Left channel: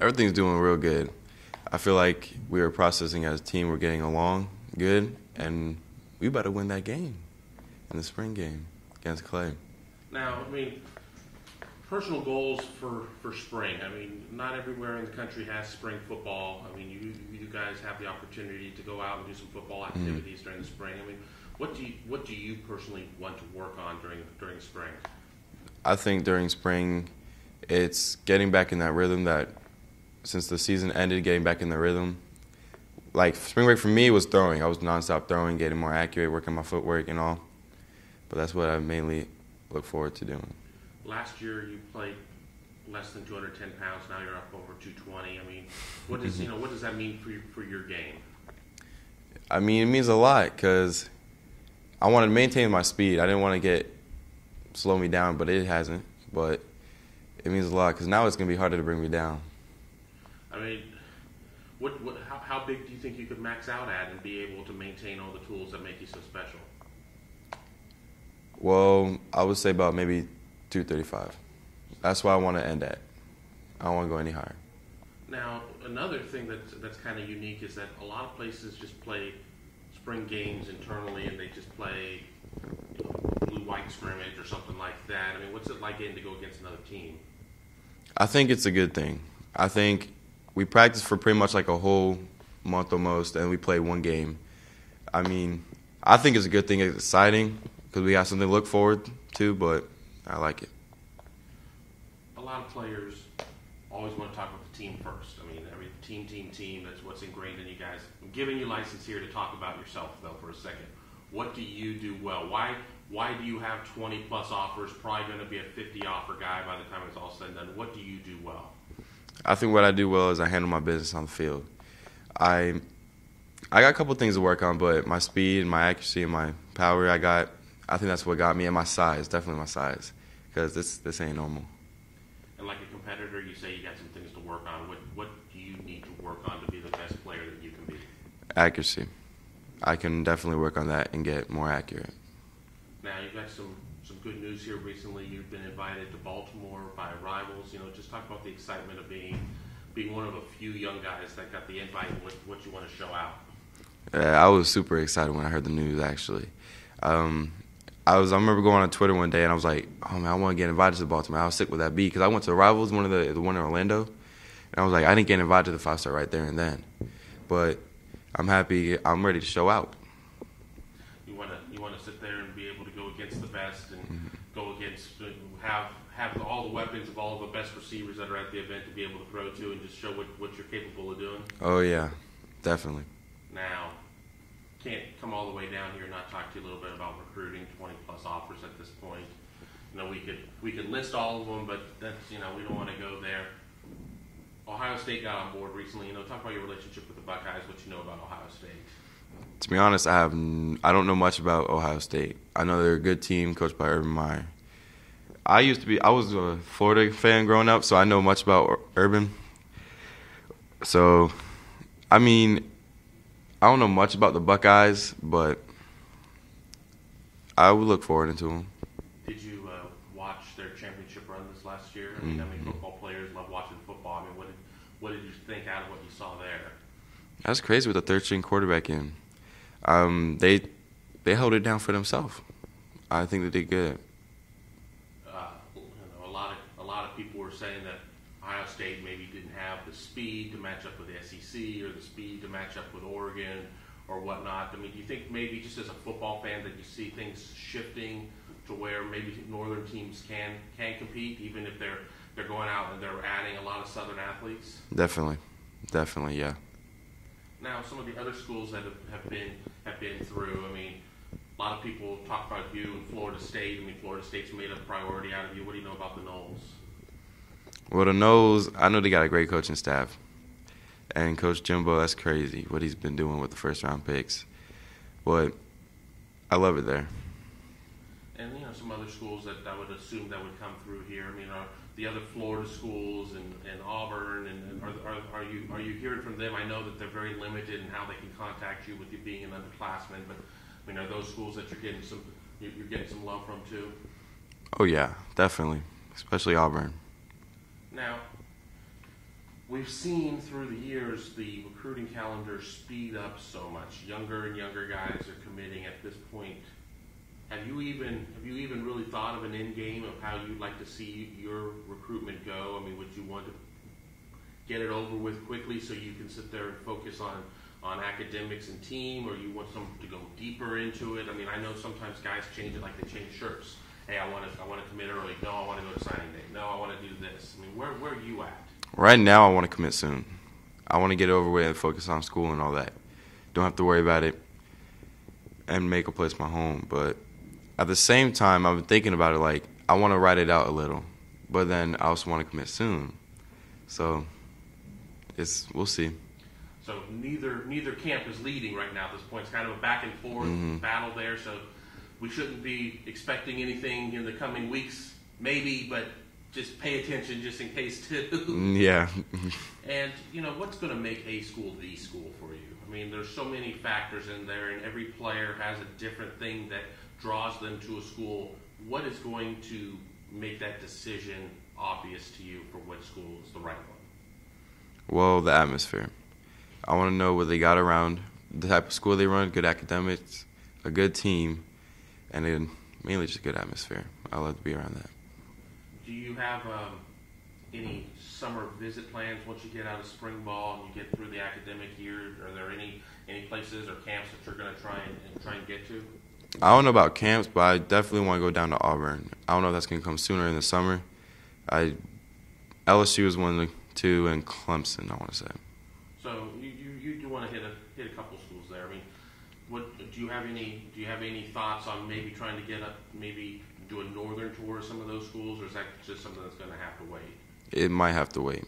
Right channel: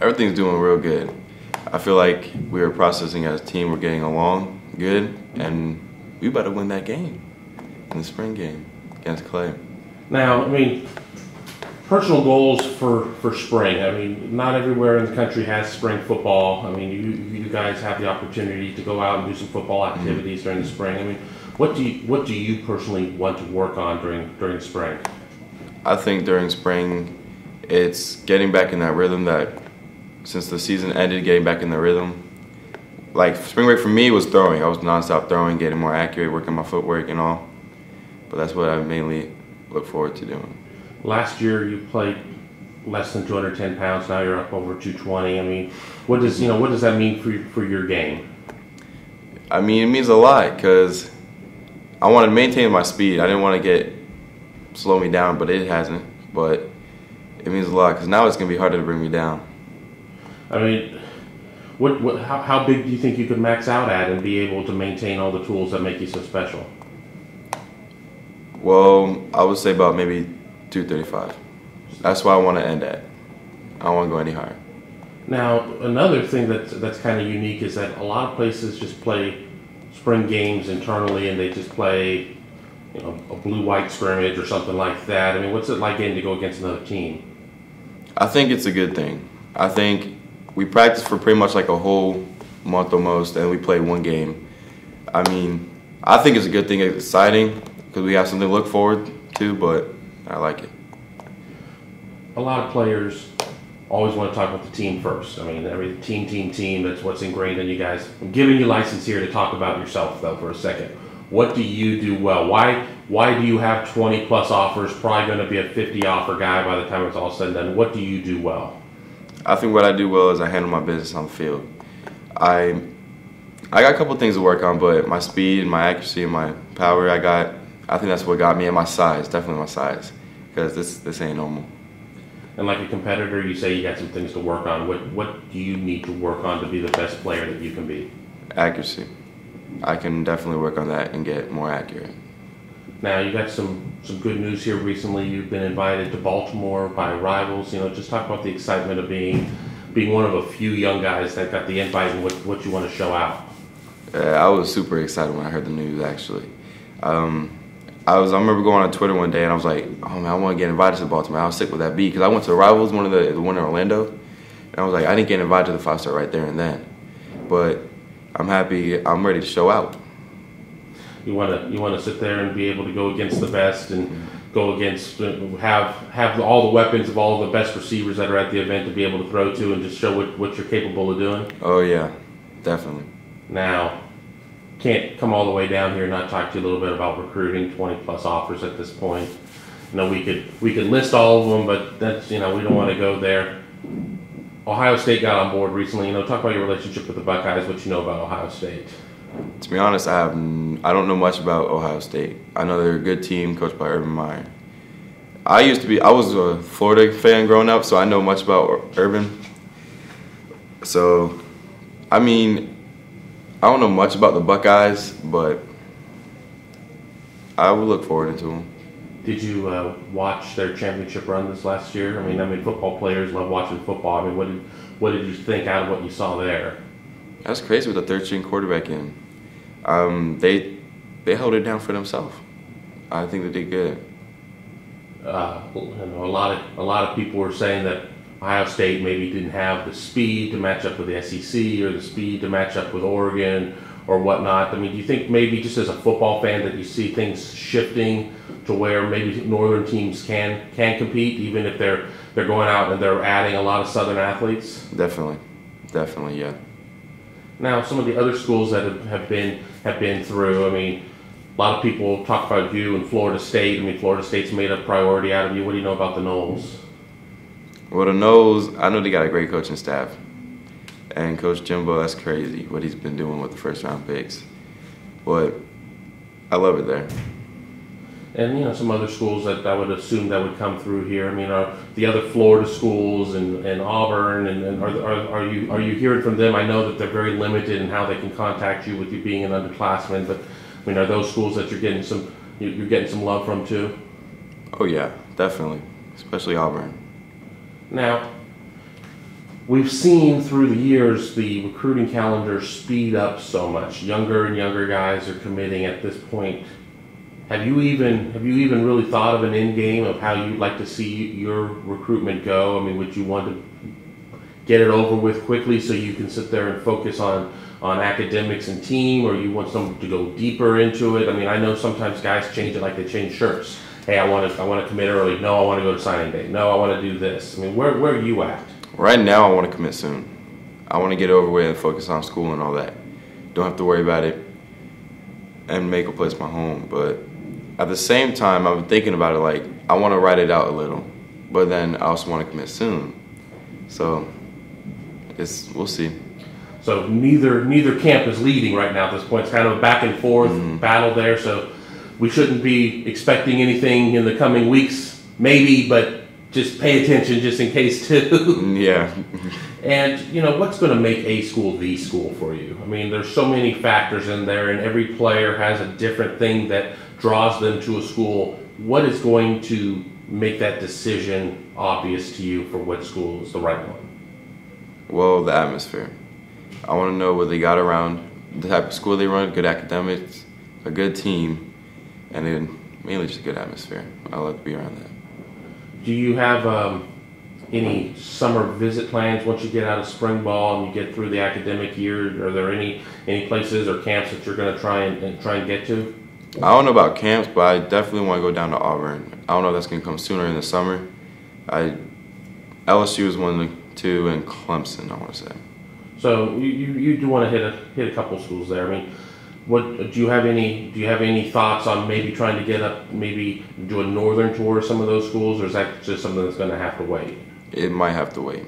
Everything's doing real good. I feel like we are processing as a team. We're getting along good, and we better win that game in the spring game against Clay. Now, personal goals for spring. Not everywhere in the country has spring football. You guys have the opportunity to go out and do some football activities during the spring. What do you personally want to work on during the spring? I think during spring, it's getting back in that rhythm that since the season ended, getting back in the rhythm. Like spring break for me was throwing. I was nonstop throwing, getting more accurate, working my footwork and all. But that's what I mainly look forward to doing. Last year you played less than 210 pounds. Now you're up over 220. What does that mean for your game? It means a lot because I wanted to maintain my speed. I didn't want to slow me down, but it hasn't. But it means a lot because now it's gonna be harder to bring me down. How big do you think you could max out at and be able to maintain all the tools that make you so special? Well, I would say about maybe 235. That's why I want to end at. I don't want to go any higher. Now, another thing that's kind of unique is that a lot of places just play spring games internally, and they just play, a blue-white scrimmage or something like that. What's it like getting to go against another team? I think it's a good thing. I think we practice for pretty much like a whole month almost, and we play one game. I think it's a good thing. It's exciting because we have something to look forward to, but I like it. A lot of players always want to talk about the team first. Every team, that's what's ingrained in you guys. I'm giving you license here to talk about yourself, though, for a second. What do you do well? Why do you have 20-plus offers, probably going to be a 50-offer guy by the time it's all said and done? What do you do well? I think what I do well is I handle my business on the field. I got a couple things to work on, but my speed and my accuracy and my power I think that's what got me, and my size, definitely my size, because this ain't normal. And like a competitor, you say you got some things to work on. What do you need to work on to be the best player that you can be? Accuracy. I can definitely work on that and get more accurate. Now, you got some good news here recently. You've been invited to Baltimore by rivals. Just talk about the excitement of being one of a few young guys that got the invite and what you want to show out. I was super excited when I heard the news, actually. I remember going on Twitter one day and I was like, oh man, I want to get invited to Baltimore. How sick would that be? Because I went to the rivals, the one in Orlando, and I was like, I didn't get invited to the 5-star right there and then. But I'm happy. I'm ready to show out. You want to sit there and be able to go against the best and go against have all the weapons of all the best receivers that are at the event to be able to throw to and just show what you're capable of doing. Oh yeah, definitely. Now, can't come all the way down here and not talk to you a little bit about recruiting. 20-plus offers at this point. We could list all of them, but that's we don't want to go there. Ohio State got on board recently. Talk about your relationship with the Buckeyes. What you know about Ohio State? To be honest, I don't know much about Ohio State. I know they're a good team coached by Urban Meyer. I was a Florida fan growing up, so I know much about Urban. So, I don't know much about the Buckeyes, but I would look forward to them. Did you watch their championship run this last year? Football players love watching football. What did you think out of what you saw there? That's crazy with a third-string quarterback in. They held it down for themselves. I think they did good. A lot of people were saying that Ohio State maybe didn't have the speed to match up with the SEC or the speed to match up with Oregon or whatnot. Do you think maybe just as a football fan that you see things shifting to where maybe northern teams can compete even if they're going out and they're adding a lot of southern athletes? Definitely, yeah. Now, some of the other schools that have been through, a lot of people talk about you and Florida State. Florida State's made a priority out of you. What do you know about the Noles? Well, the Noles, I know they got a great coaching staff. And Coach Jimbo, that's crazy what he's been doing with the first-round picks. But I love it there. And some other schools that I would assume that would come through here. are the other Florida schools and Auburn and are you hearing from them? I know that they're very limited in how they can contact you with you being an underclassman, but are those schools that you're getting some love from too? Oh yeah, definitely, especially Auburn. Now, we've seen through the years the recruiting calendar speed up so much. Younger and younger guys are committing at this point. Have you even really thought of an end game of how you'd like to see your recruitment go? I mean, would you want to get it over with quickly so you can sit there and focus on academics and team, or you want someone to go deeper into it? I mean, I know sometimes guys change it like they change shirts. Hey, I want to commit early. No, I want to go to signing day. No, I want to do this. I mean, where are you at? Right now, I want to commit soon. I want to get over with and focus on school and all that. Don't have to worry about it and make a place my home. But at the same time, I'm thinking about it like I want to write it out a little, but then I also want to commit soon. So we'll see. So neither camp is leading right now at this point. It's kind of a back and forth battle there. So we shouldn't be expecting anything in the coming weeks, maybe, but just pay attention just in case too. Yeah. And what's going to make a school the school for you? I mean, there's so many factors in there, and every player has a different thing that draws them to a school. What is going to make that decision obvious to you for what school is the right one? Well, the atmosphere. I want to know what they got around, the type of school they run, good academics, a good team, and then mainly just a good atmosphere. I like to be around that. Do you have any summer visit plans once you get out of spring ball and you get through the academic year? Are there any places or camps that you're going to try and get to? I don't know about camps, but I definitely want to go down to Auburn. I don't know if that's going to come sooner in the summer. LSU is one of the two, and Clemson, I want to say. So you do want to hit a couple schools there. I mean, what do you have any thoughts on maybe trying to get up, maybe do a northern tour of some of those schools, or is that just something that's going to have to wait? It might have to wait.